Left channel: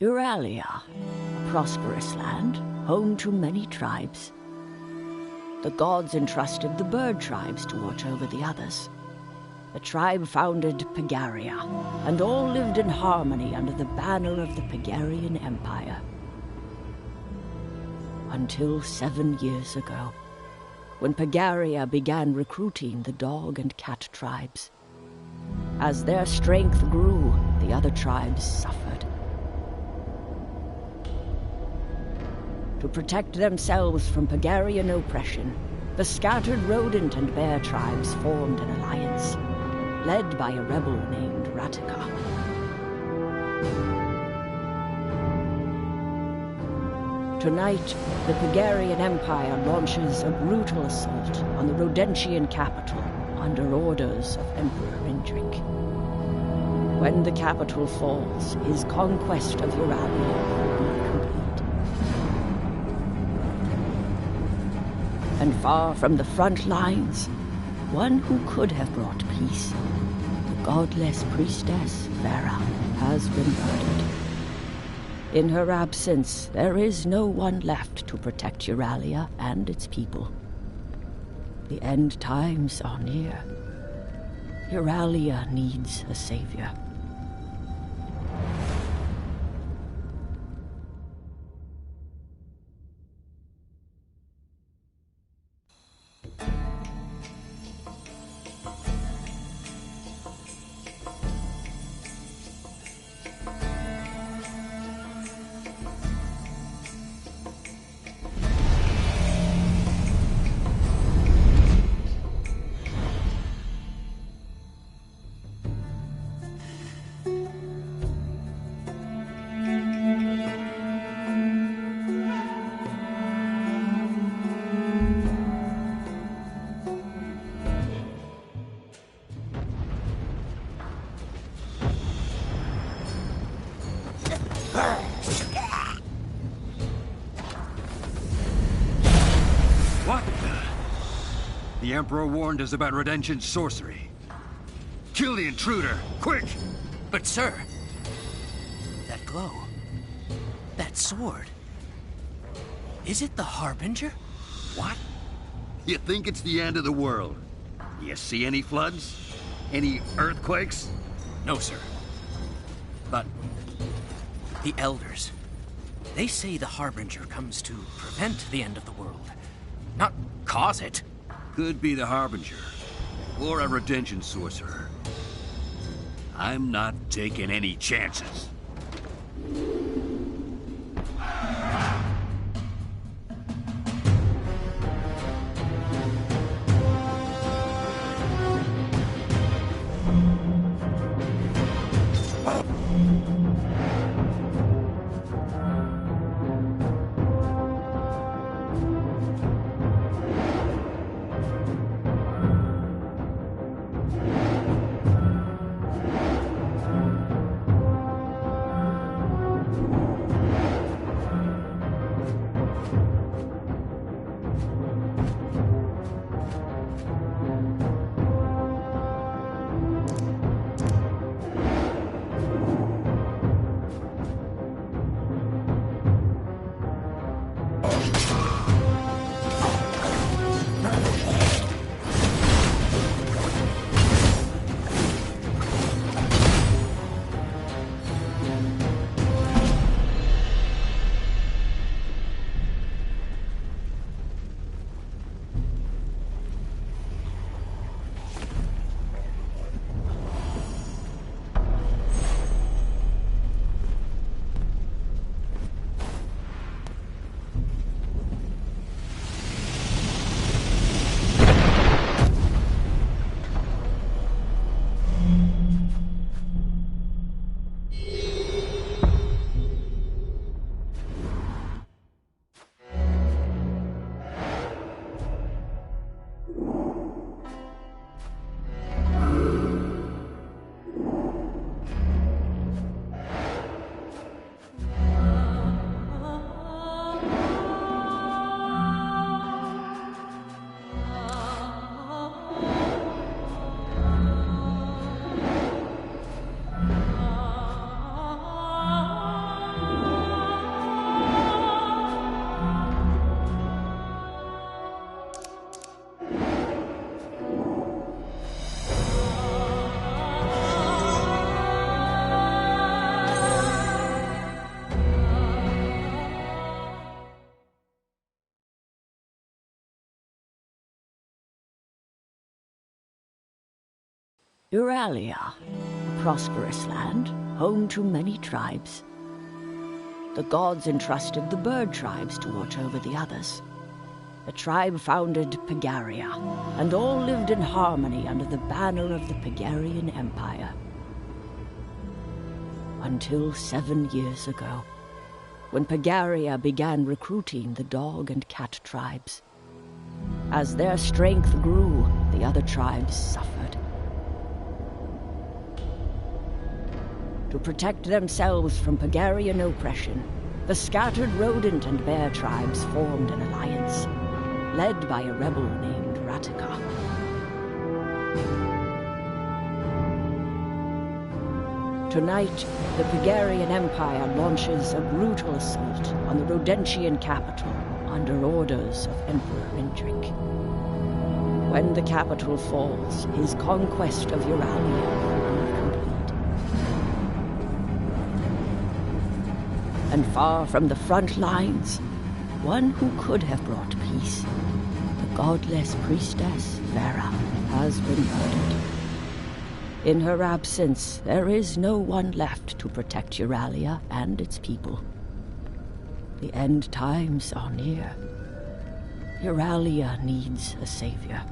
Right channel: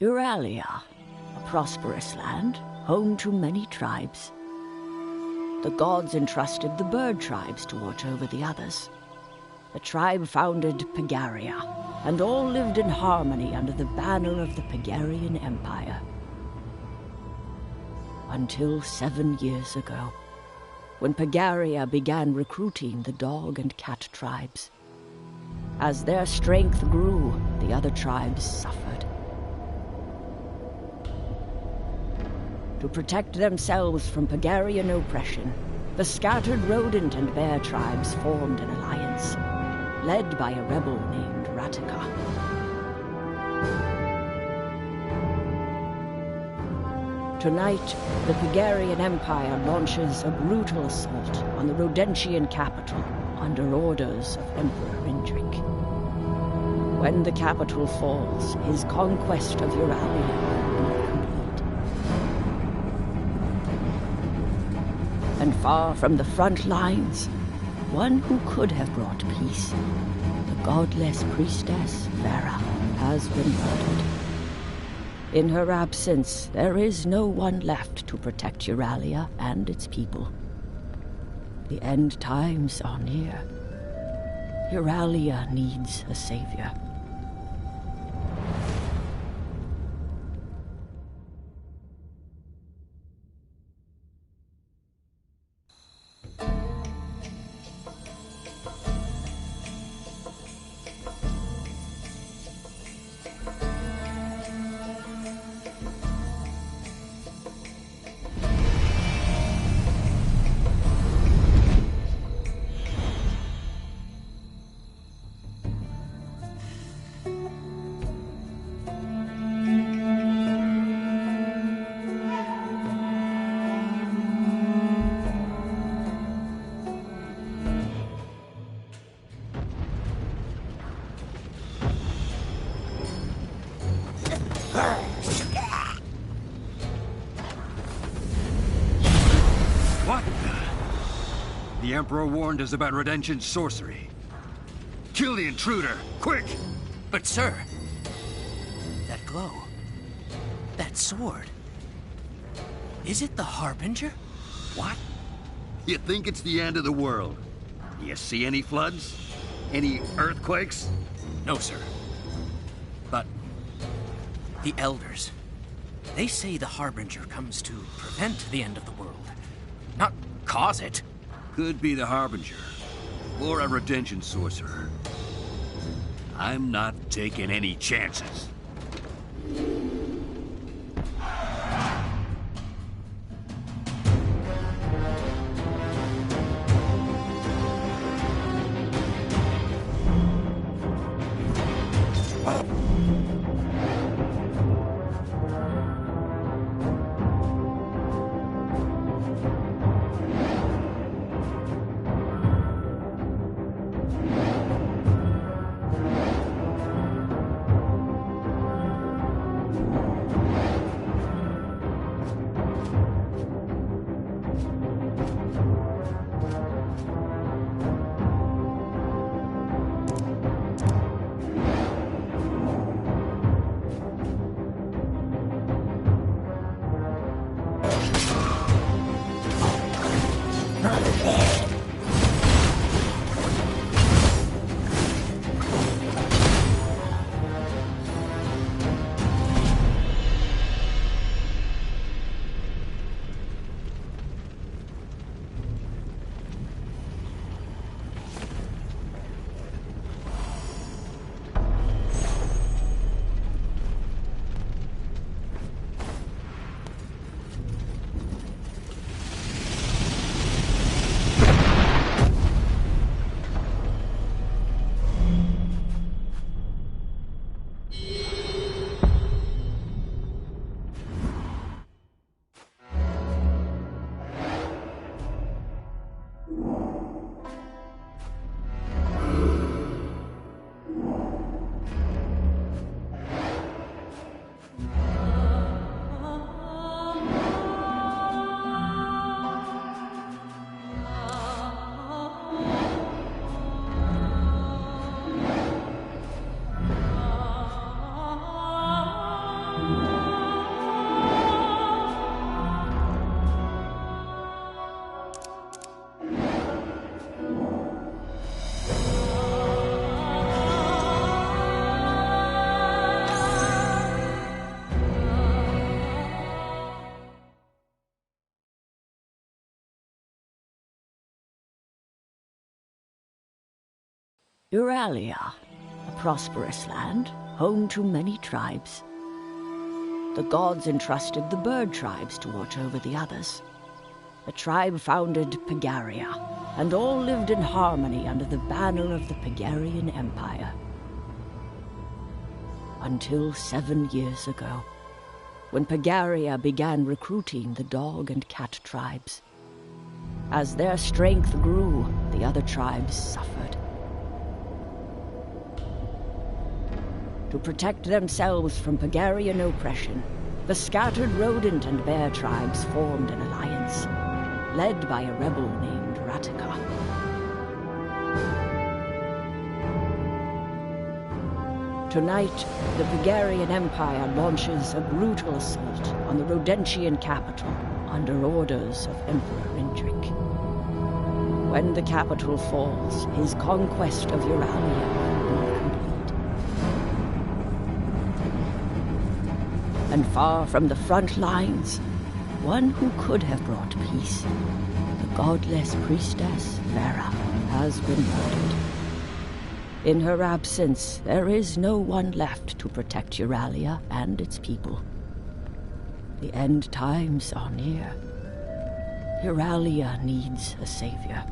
Euralia, a prosperous land, home to many tribes. The gods entrusted the bird tribes to watch over the others. The tribe founded Pagaria, and all lived in harmony under the banner of the Pagarian Empire. Until 7 years ago, when Pagaria began recruiting the dog and cat tribes. As their strength grew, the other tribes suffered. To protect themselves from Pagarian oppression, the scattered rodent and bear tribes formed an alliance, led by a rebel named Ratika. Tonight, the Pagarian Empire launches a brutal assault on the Rodentian capital under orders of Emperor Indrik. When the capital falls, his conquest of Euralia will be complete. And far from the front lines, one who could have brought peace, the godless priestess Vera, has been murdered. In her absence, there is no one left to protect Euralia and its people. The end times are near. Euralia needs a savior. What the? The Emperor warned us about Redemption's sorcery. Kill the intruder, quick! But sir, that glow, that sword, is it the Harbinger? What? You think it's the end of the world? You see any floods? Any earthquakes? No, sir. But the Elders, they say the Harbinger comes to prevent the end of the world, not cause it. Could be the Harbinger, or a Redemption sorcerer. I'm not taking any chances. Euralia, a prosperous land, home to many tribes. The gods entrusted the bird tribes to watch over the others. The tribe founded Pagaria, and all lived in harmony under the banner of the Pagarian Empire. Until 7 years ago, when Pagaria began recruiting the dog and cat tribes. As their strength grew, the other tribes suffered. To protect themselves from Pagarian oppression, the scattered rodent and bear tribes formed an alliance, led by a rebel named Ratika. Tonight, the Pagarian Empire launches a brutal assault on the Rodentian capital under orders of Emperor Indrik. When the capital falls, his conquest of Euralia will be complete. And far from the front lines, one who could have brought peace, the godless priestess Vera, has been murdered. In her absence, there is no one left to protect Euralia and its people. The end times are near. Euralia needs a savior.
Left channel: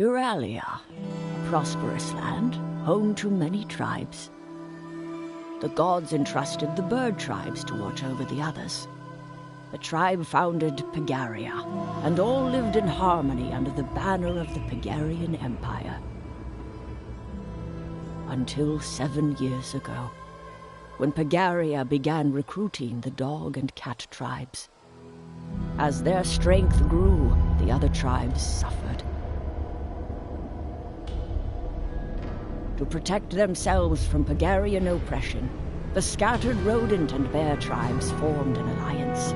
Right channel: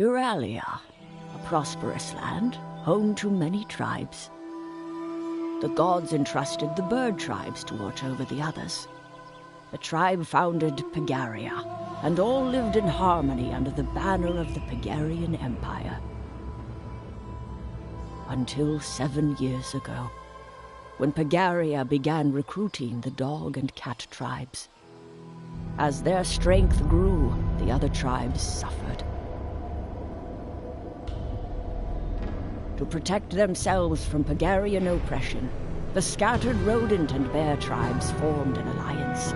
Euralia, a prosperous land, home to many tribes. The gods entrusted the bird tribes to watch over the others. The tribe founded Pagaria, and all lived in harmony under the banner of the Pagarian Empire. Until 7 years ago, when Pagaria began recruiting the dog and cat tribes. As their strength grew, the other tribes suffered. To protect themselves from Pagarian oppression, the scattered rodent and bear tribes formed an alliance,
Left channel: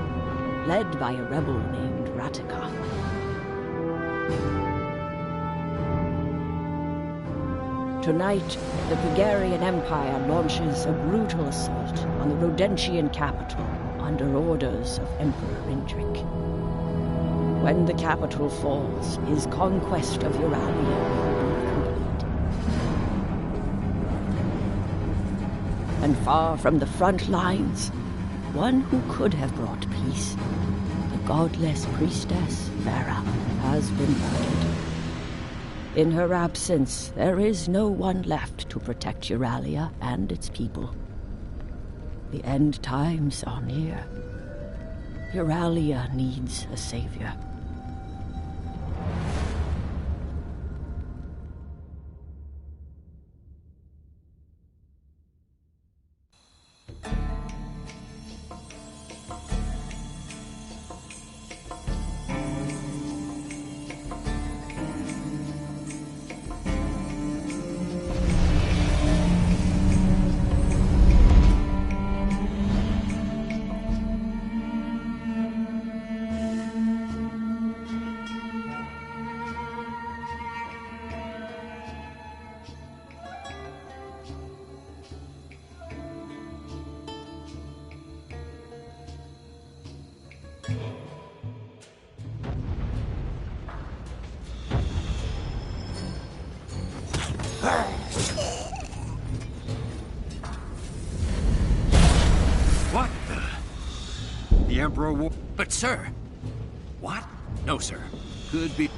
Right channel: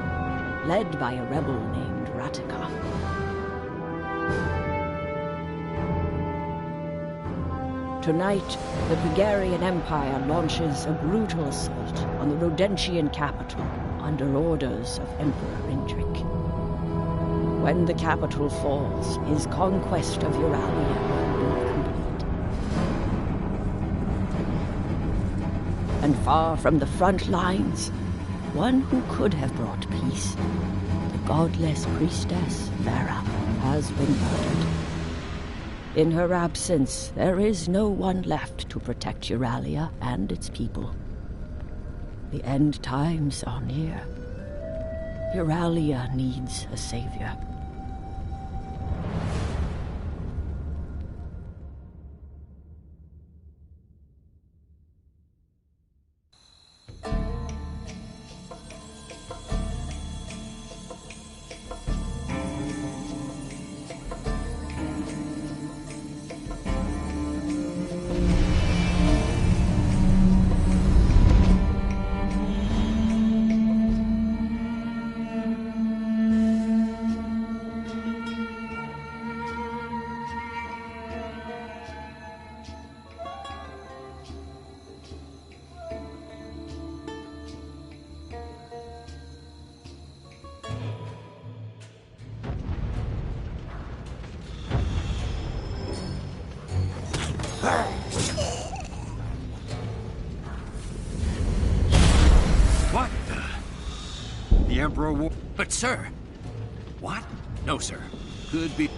led by a rebel named Ratika. Tonight, the Bulgarian Empire launches a brutal assault on the Rodentian capital under orders of Emperor Indrik. When the capital falls, his conquest of Euralia will be complete. And far from the front lines, one who could have brought peace, the godless priestess Vera, has been murdered. In her absence, there is no one left to protect Euralia and its people. The end times are near. Euralia needs a savior. What the Emperor war... But sir... What? No, sir. Could be...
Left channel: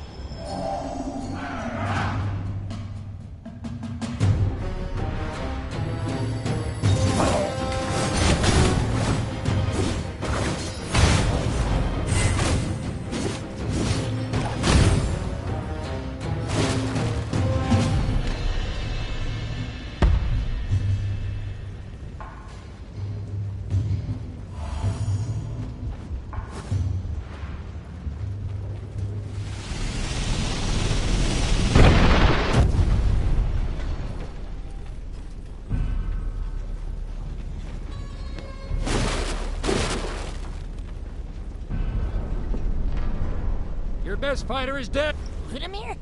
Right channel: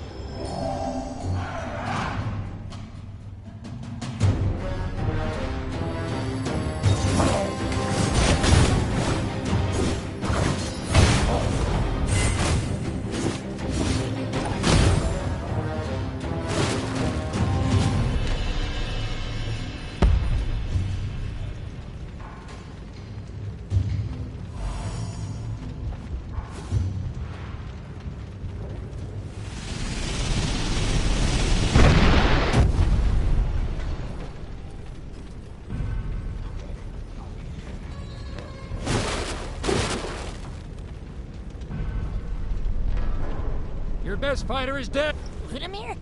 Your best fighter is dead. Ludimir?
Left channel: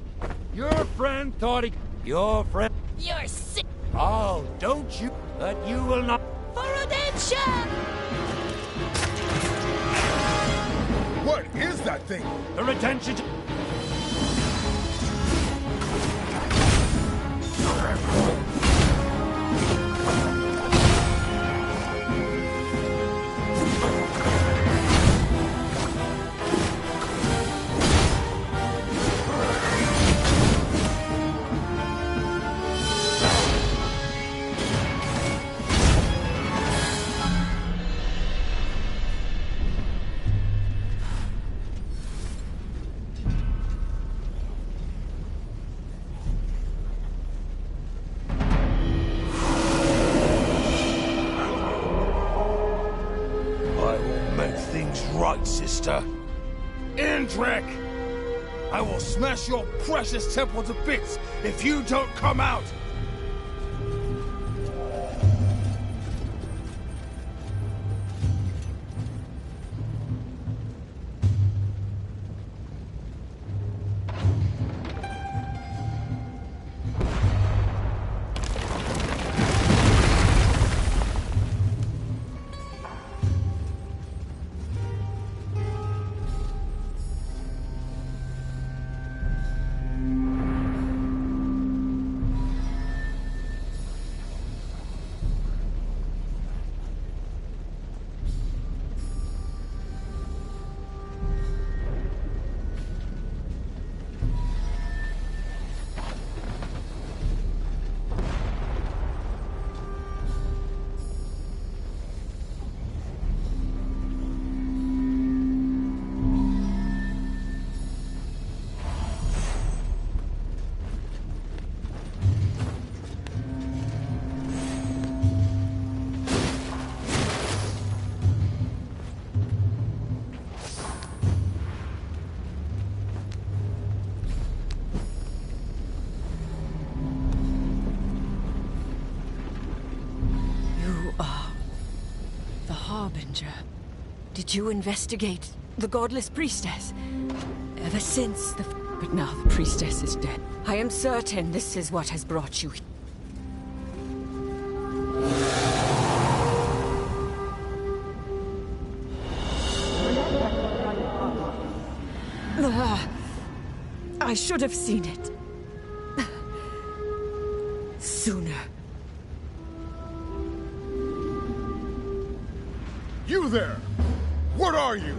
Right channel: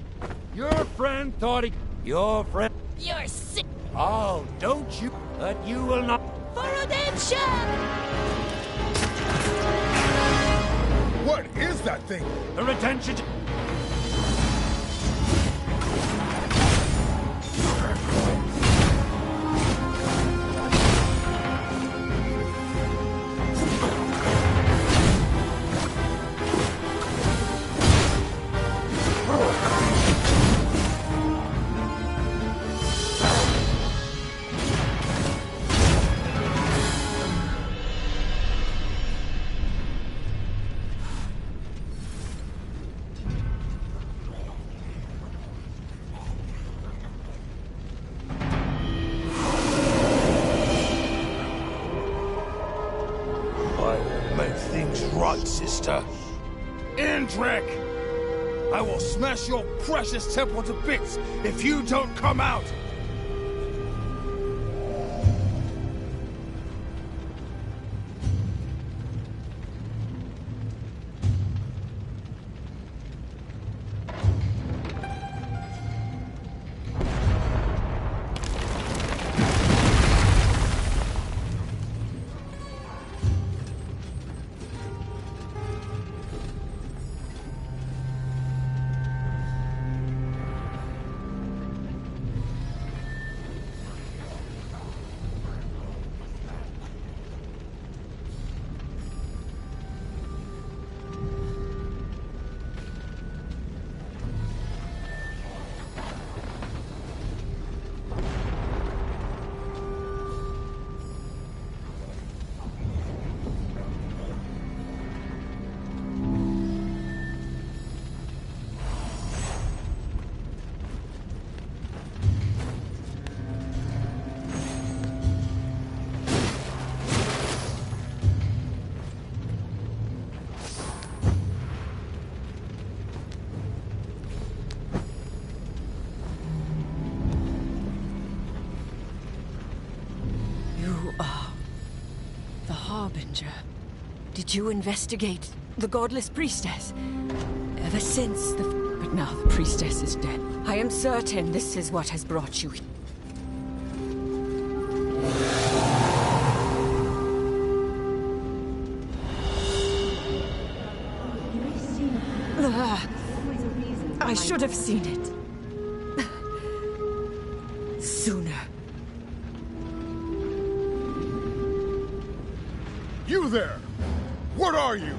Your friend thought he... Your friend... You're sick. Oh, don't you... But you will not... For redemption! What is that thing? The retention... Make things right, sister. Indrik! I will smash your precious temple to bits if you don't come out! You are the Harbinger. Did you investigate the godless priestess? Ever since the... But now the priestess is dead. I am certain this is what has brought you here. I should have seen it sooner. You there! What are you?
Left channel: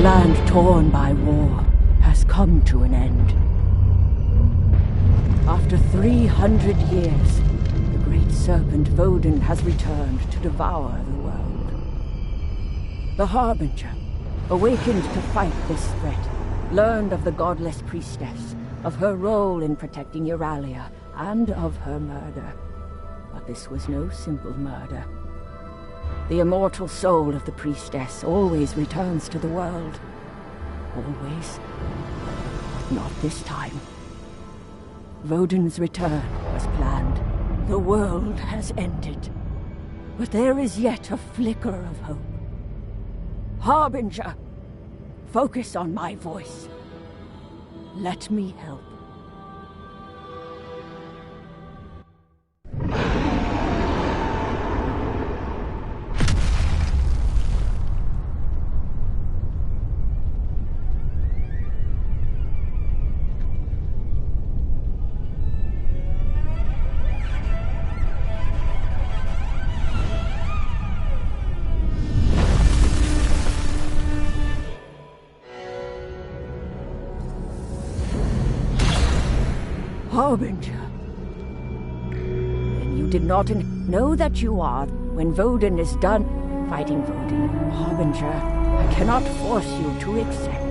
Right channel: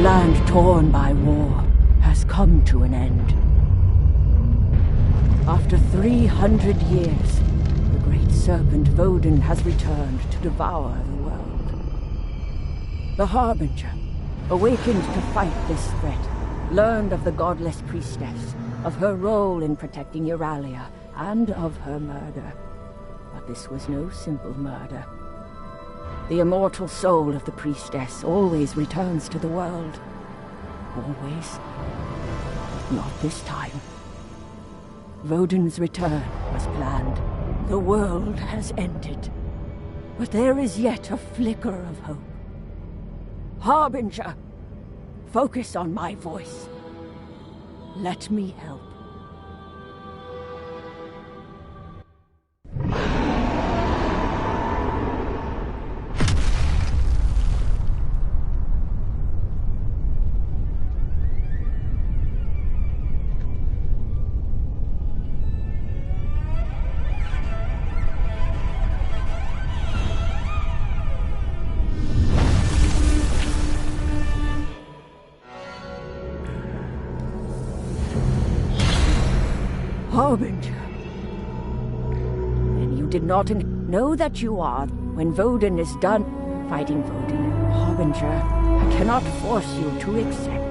Land torn by war has come to an end. After 300 years, the great serpent Vodun has returned to devour the world. The Harbinger, awakened to fight this threat, learned of the godless priestess, of her role in protecting Euralia, and of her murder. But this was no simple murder. The immortal soul of the priestess always returns to the world. Always. Not this time. Vodun's return was planned. The world has ended. But there is yet a flicker of hope. Harbinger, focus on my voice. Let me help. Harbinger. Then you did not know that you are. When Vodun is done fighting Vodun, Harbinger, I cannot force you to accept.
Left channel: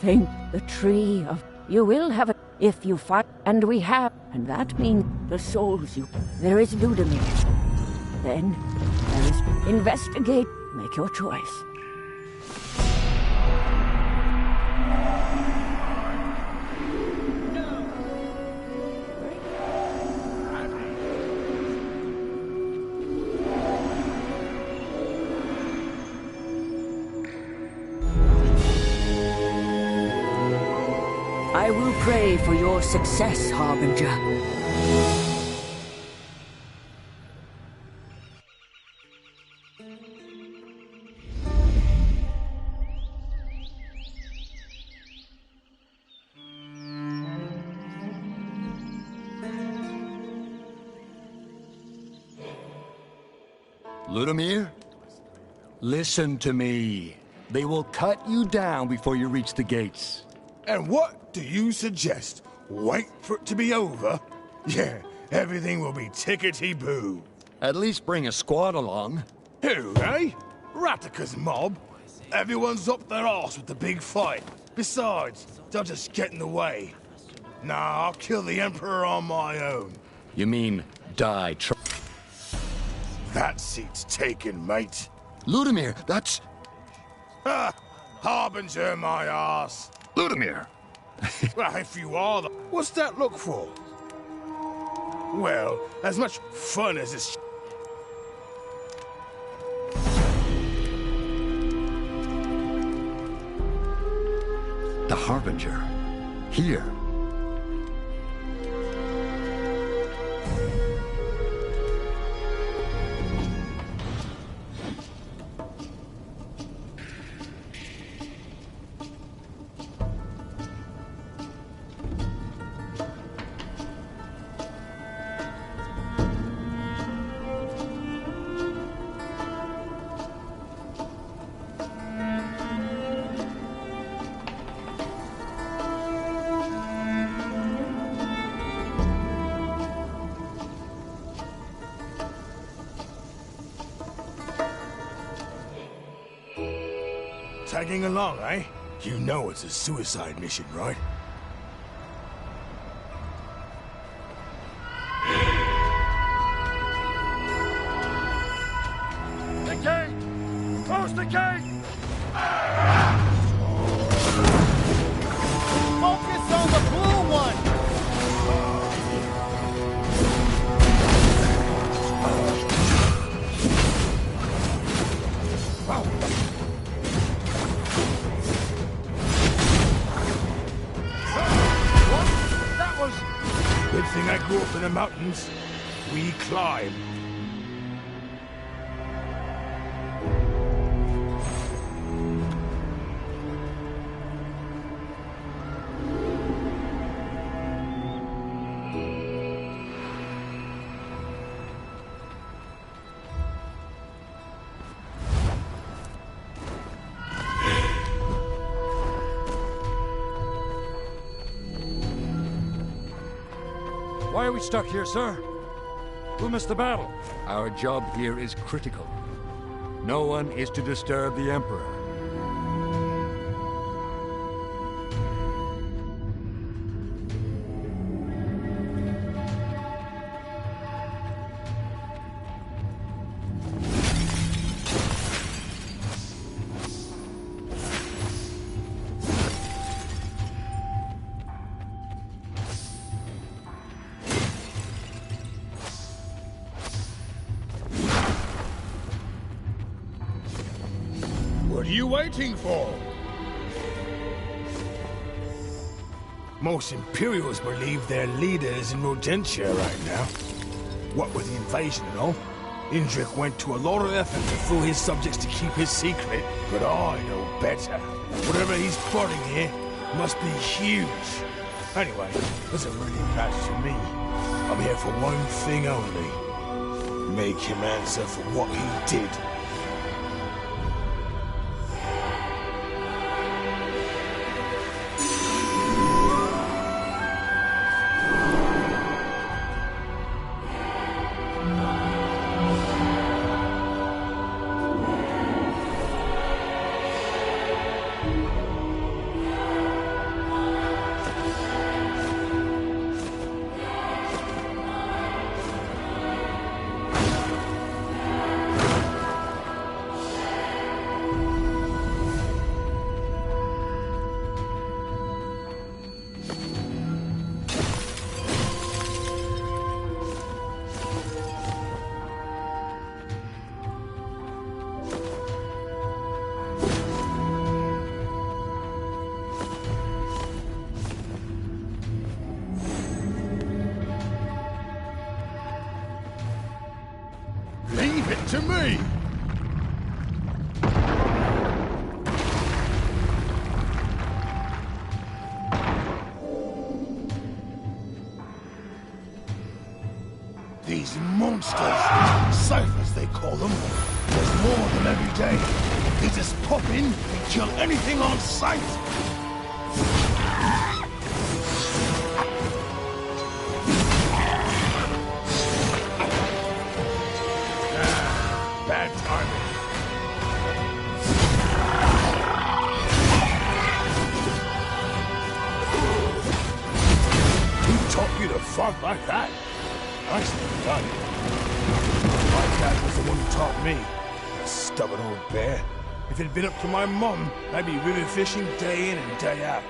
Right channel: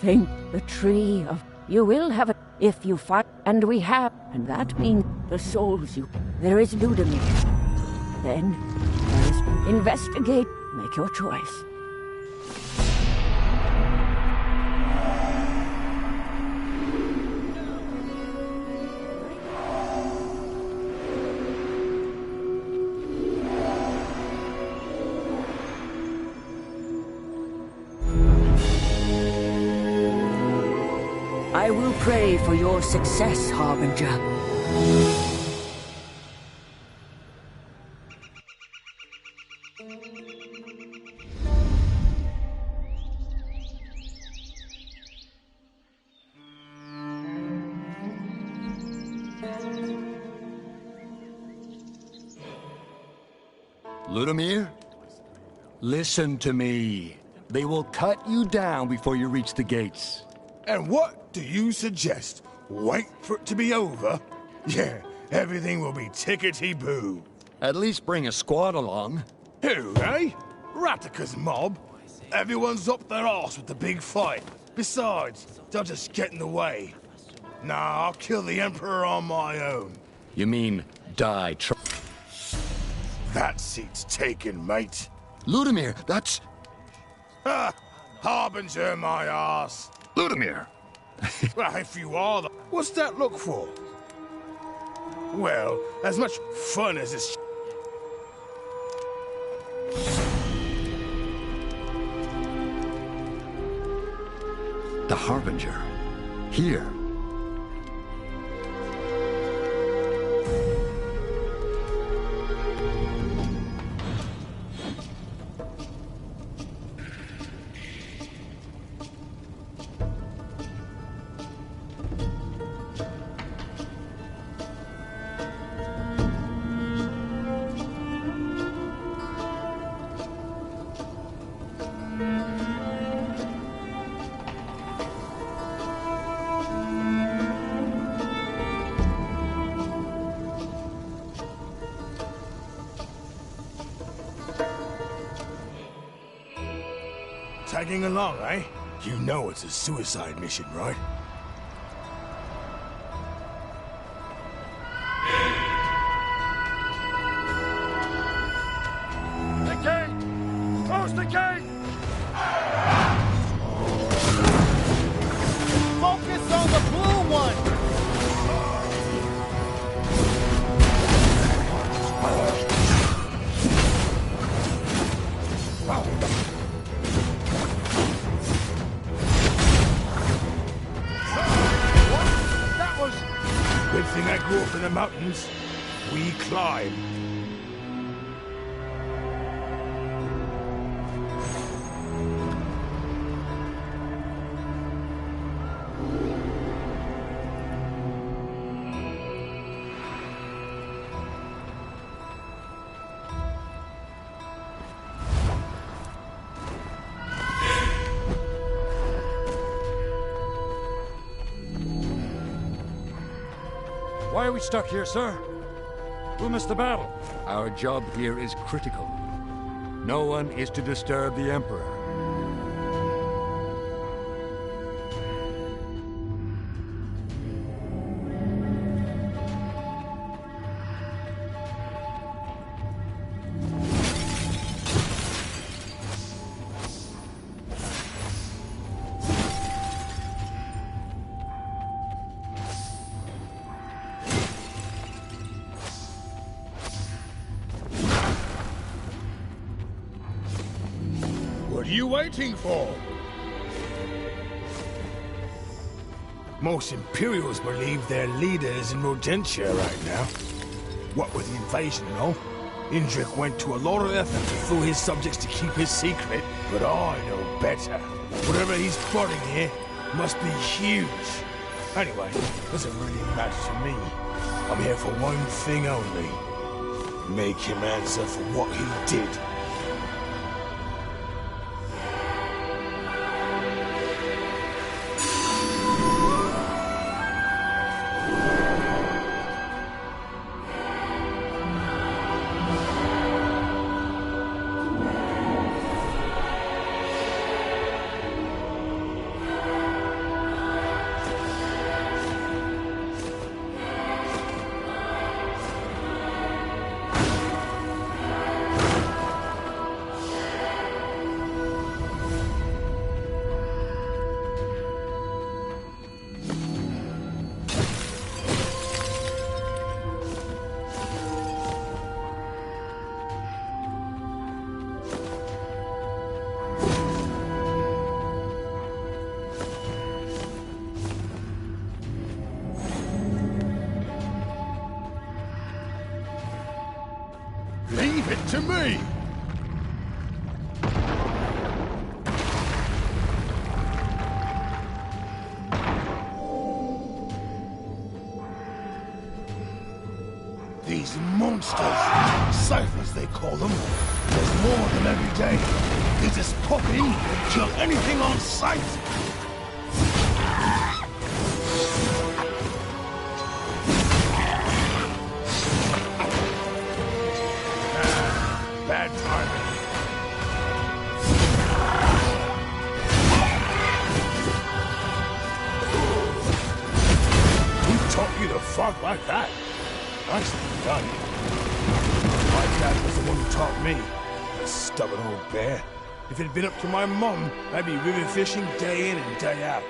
Think the tree of... You will have it if you fight, and we have, and that means the souls you... There is Ludimir. Then there is... Investigate. Make your choice. I will pray for your success, Harbinger. Ludimir? Listen to me. They will cut you down before you reach the gates. And what do you suggest? Wait for it to be over? Yeah, everything will be tickety-boo. At least bring a squad along. Who, eh? Ratika's mob? Everyone's up their arse with the big fight. Besides, they'll just get in the way. Nah, I'll kill the Emperor on my own. You mean die That seat's taken, mate. Ludimir, that's... Ha! Harbinger my arse. Ludimir! Well, if you are the... What's that look for? Well, as much fun as this... The Harbinger. Here. Tagging along, eh? You know it's a suicide mission, right? The gate! Close the gate! Focus on the blue one! Good thing I grew up in the mountains. We climb. Why are we stuck here, sir? Who missed the battle? Our job here is critical. No one is to disturb the Emperor. What are you waiting for? Most Imperials believe their leader is in Rodentia right now. What with the invasion and all, Indrik went to a lot of effort to fool his subjects to keep his secret, but I know better. Whatever he's plotting here must be huge. Anyway, doesn't really matter to me. I'm here for one thing only. Make him answer for what he did. Leave it to me! These monsters, ciphers they call them, there's more of them every day. They just pop in and kill anything on sight. Bad timing. Who taught you to fight like that? Nicely done. My dad was the one who taught me. A stubborn old bear. If it had been up to my mum, I'd be river fishing day in and day out.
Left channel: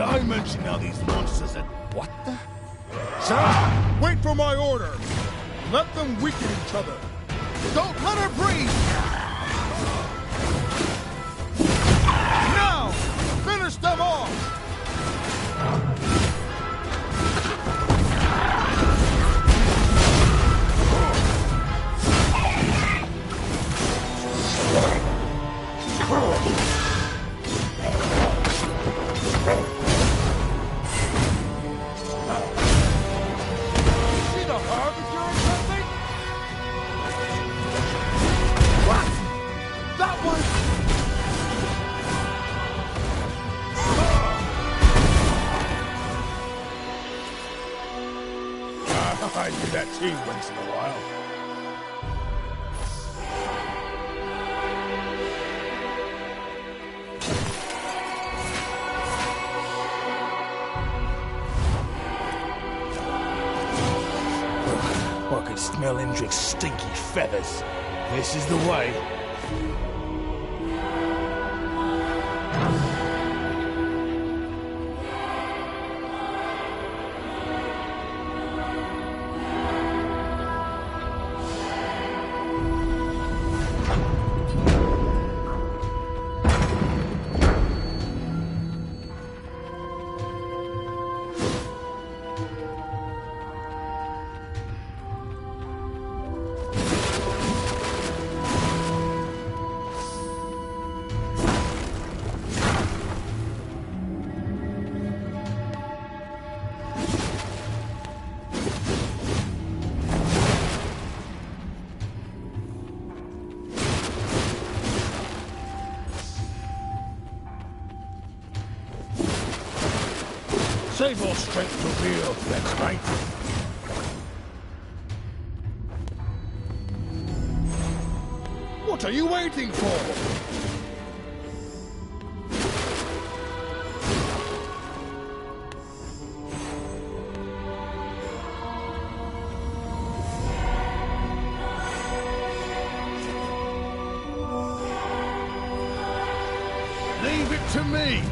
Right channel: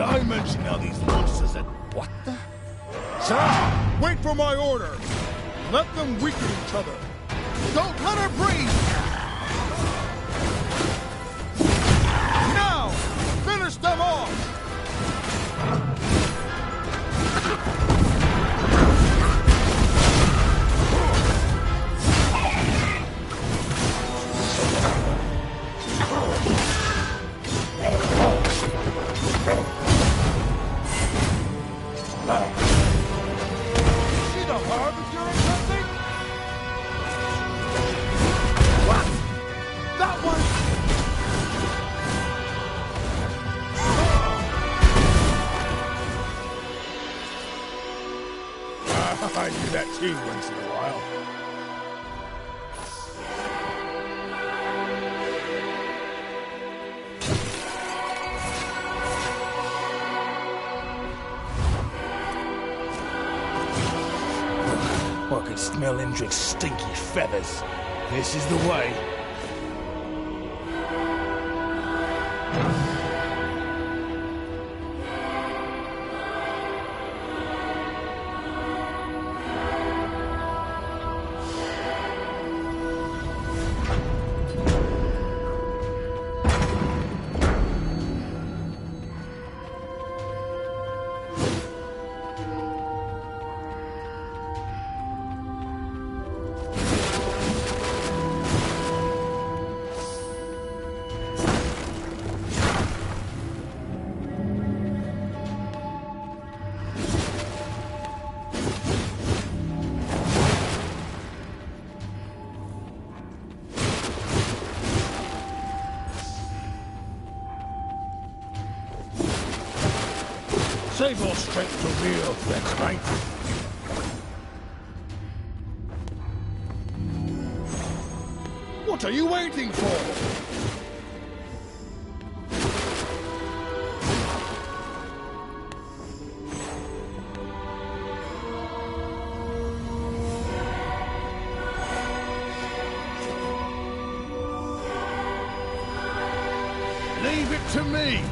Did I mention how these monsters that... What the... Sir, wait for my order. Let them weaken each other. Don't let her breathe! Now! Finish them off! Is she the harbinger or something? What? That one? I do that too once in a while. I could smell Indrik's stinky feathers. This is the way. Save all strength to real threats, mate. What are you waiting for? Leave it to me!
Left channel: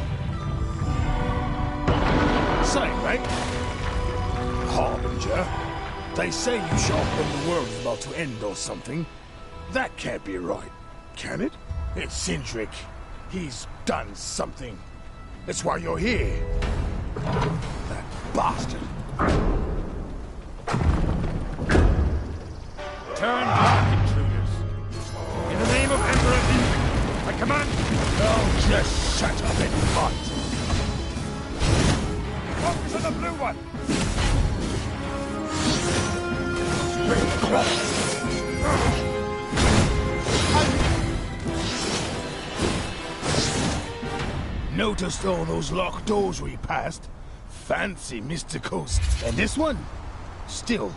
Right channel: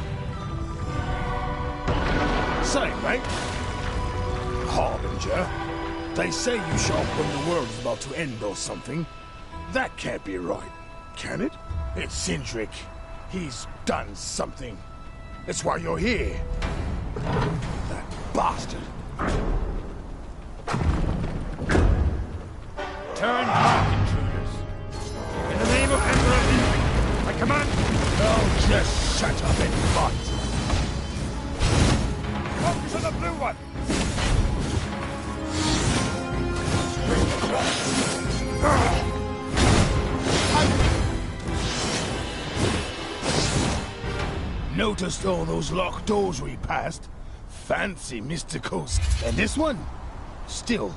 Say, mate. Harbinger. They say you show up when the world is about to end or something. That can't be right, can it? It's Indrik. He's done something. That's why you're here. That bastard. Turn back, intruders. In the name of Emperor Indrik, I command you. Oh, just shut up and fight. Focus on the blue one! Noticed all those locked doors we passed? Fancy mysticals. And this one? Still.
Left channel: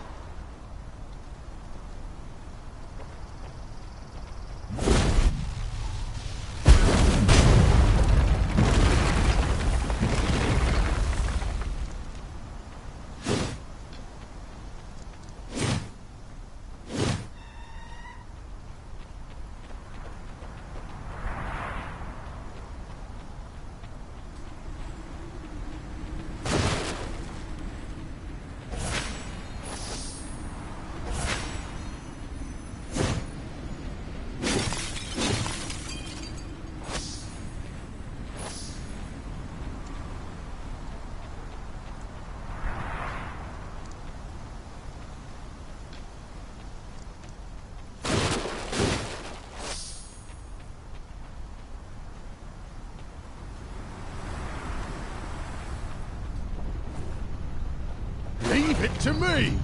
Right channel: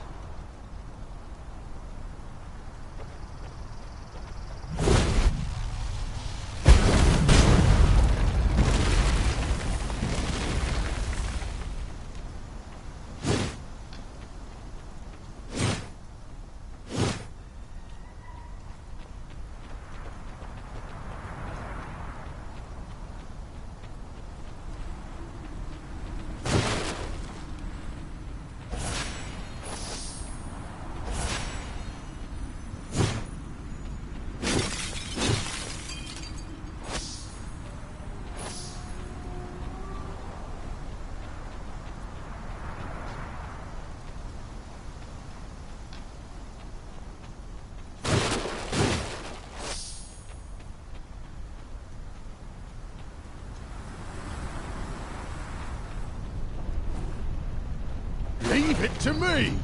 Leave it to me!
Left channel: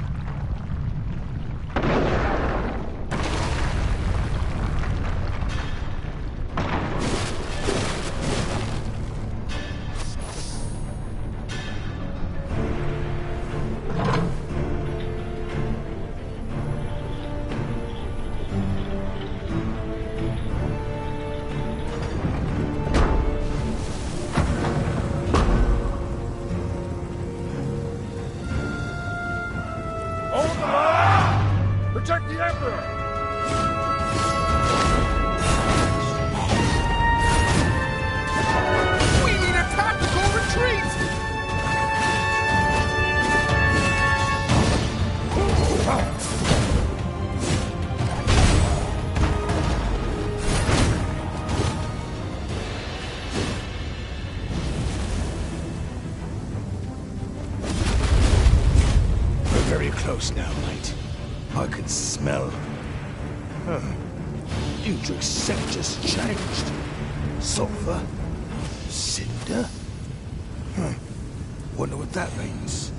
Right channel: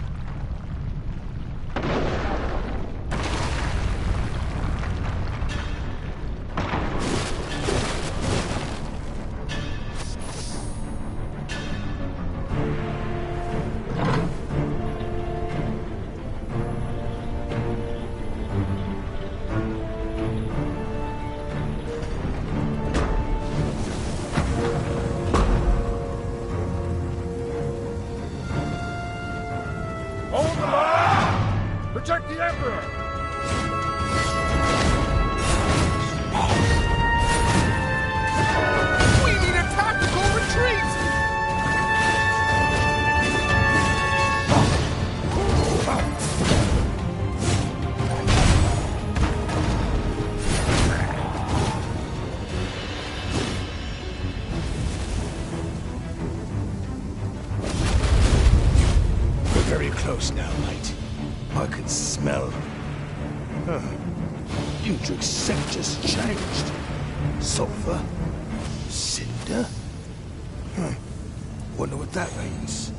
close now, mate. I can smell. Indrik's scent just changed. Sulfur? Cinder? Wonder what that means.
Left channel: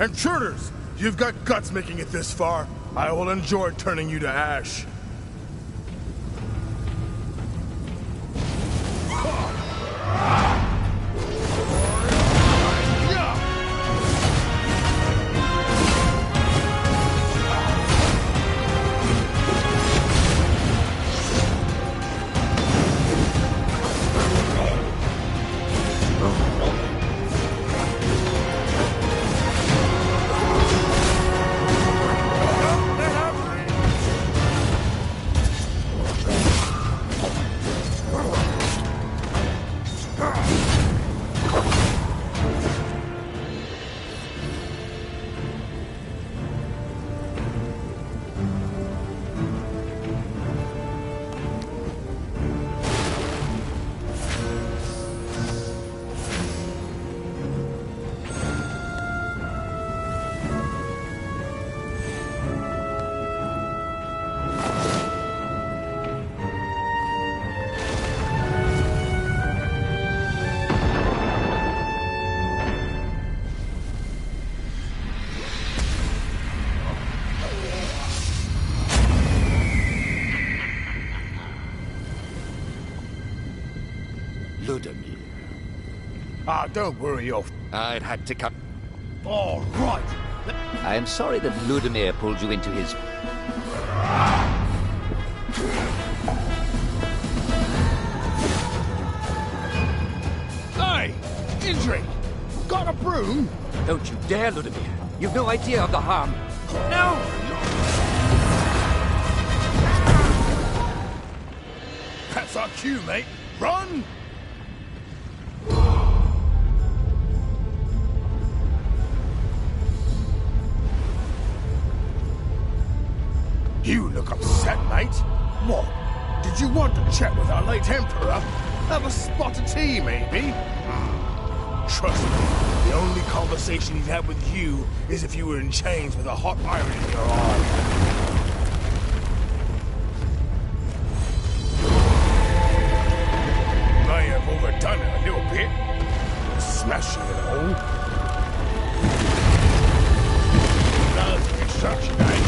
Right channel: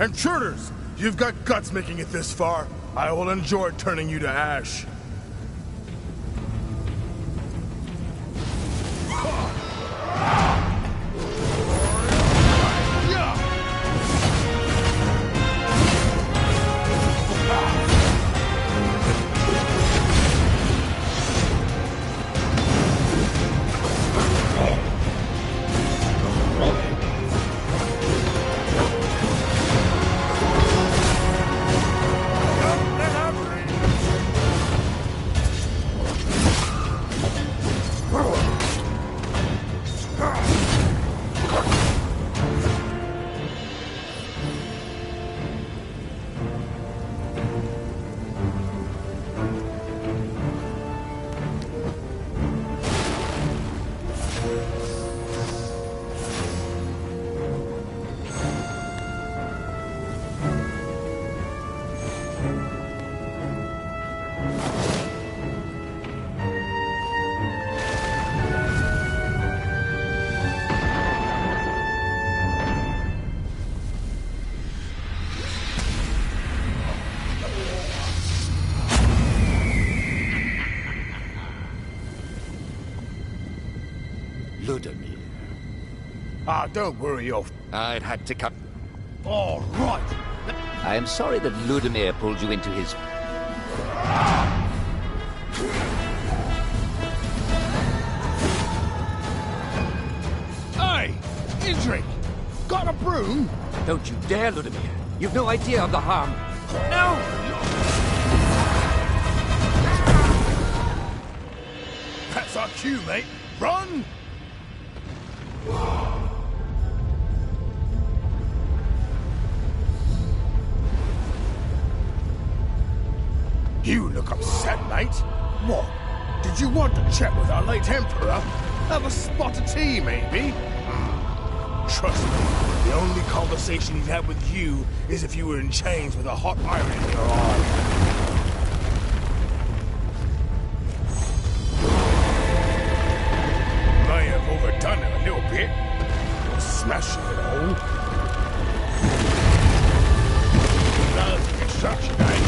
Intruders! You've got guts making it this far. I will enjoy turning you to ash. Ludimir. Ah, don't worry, I'd had to come. All right. I am sorry that Ludimir pulled you into his... Hey! Indrik! Got a broom? Don't you dare, Ludimir. You've no idea of the harm. No! That's our cue, mate. Run! You look upset, mate. What? Did you want to chat with our late Emperor? Have a spot of tea, maybe? Trust me, the only conversation he'd have with you is if you were in chains with a hot iron in your arm. May have overdone it a little bit. Smashing it all. That's construction, eh?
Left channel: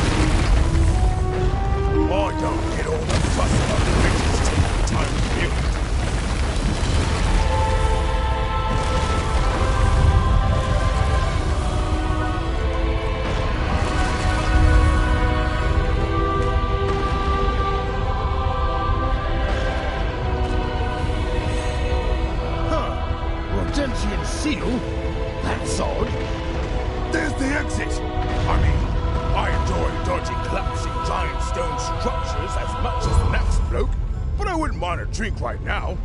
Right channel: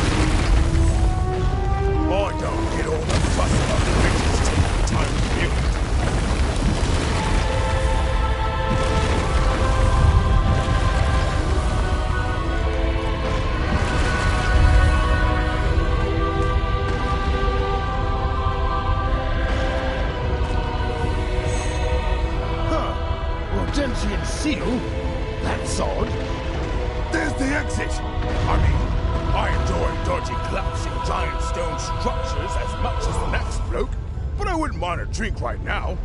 I don't get all the fuss about the riches taking the time to build. Rodentian seal? That's odd. There's the exit. I mean, I enjoy dodging collapsing giant stone structures as much as the next bloke, but I wouldn't mind a drink right now.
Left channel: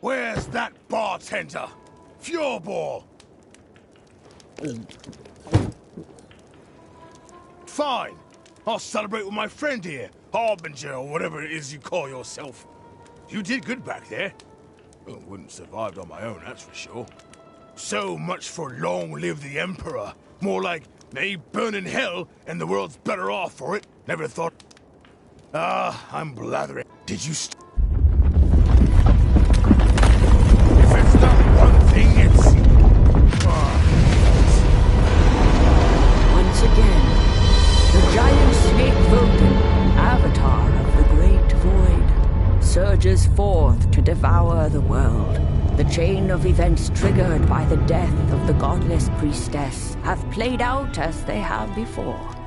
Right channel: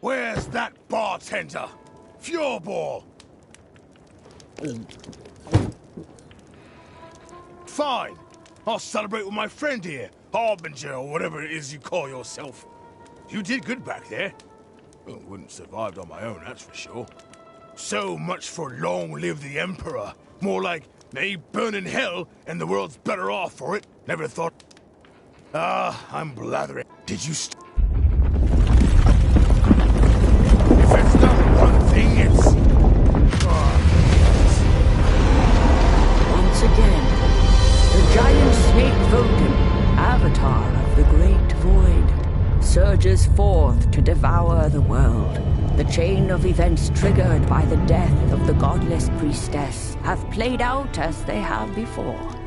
Where's that bartender? Fureball! Fine. I'll celebrate with my friend here, Harbinger, or whatever it is you call yourself. You did good back there. Well, wouldn't have survived on my own, that's for sure. So much for long live the Emperor. More like, may he burn in hell, and the world's better off for it. Never thought... I'm blathering. Did you If it's not one thing, it's... Once again, the giant snake Voden, avatar of the great void, surges forth to devour the world, The chain of events triggered by the death of the godless priestess have played out as they have before.